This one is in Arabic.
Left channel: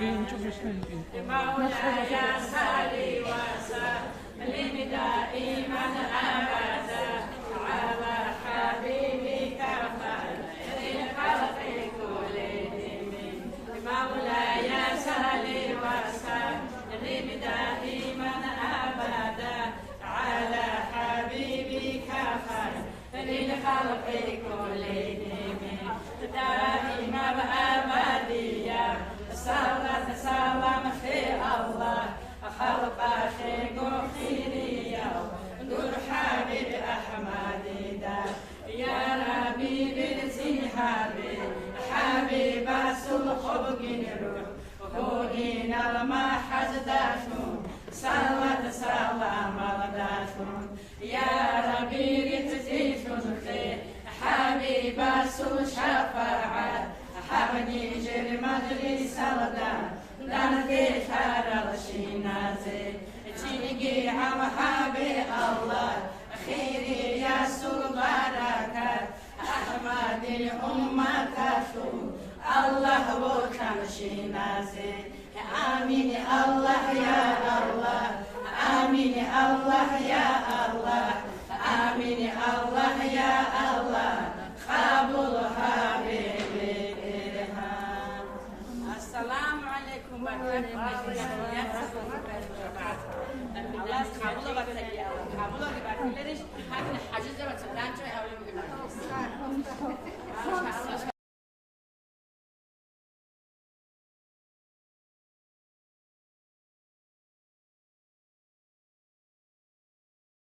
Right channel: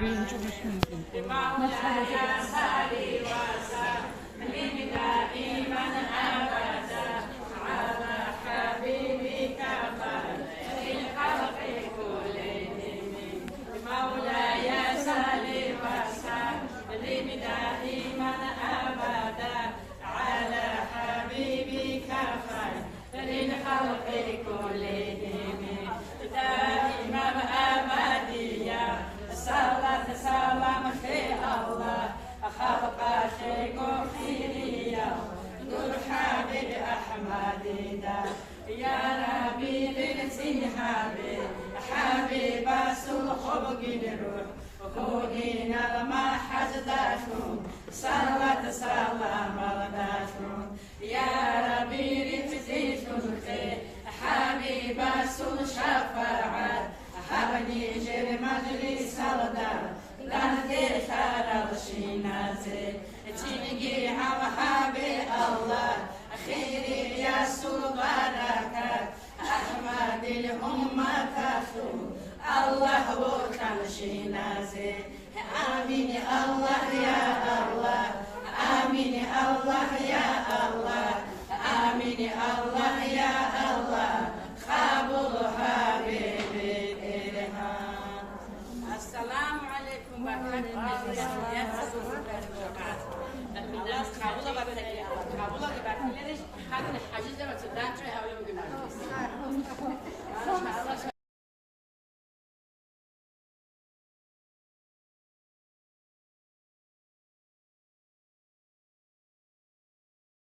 بين شوف مولاي صلي وسلم دائما ابدا على حبيبك خير الخلق كلهم. مولاي صلي وسلم دائما ابدا على حبيبك خير الخلق كلهم. دائما ابديا صلاة سلام في الله خلق خيريا نور حبيب أحمد يا ربي بالتهاب حبيب الخلق الروح هنا ما حزدتهم صلاة سلام وداتهم يا ربي بالتهاب حبيب الشفاعة حبني جل مجلس الدار نهدي ترى الشنازي تيجي على حبيب الله خيري يا سبحانك أحمد الأمة تشو الله وكان شنازي آمين الله يا الله آمين الله يا الله آمين الله يا الله قبول حبيبي إلهام. السلام عليكم ورحمة الله وبركاته.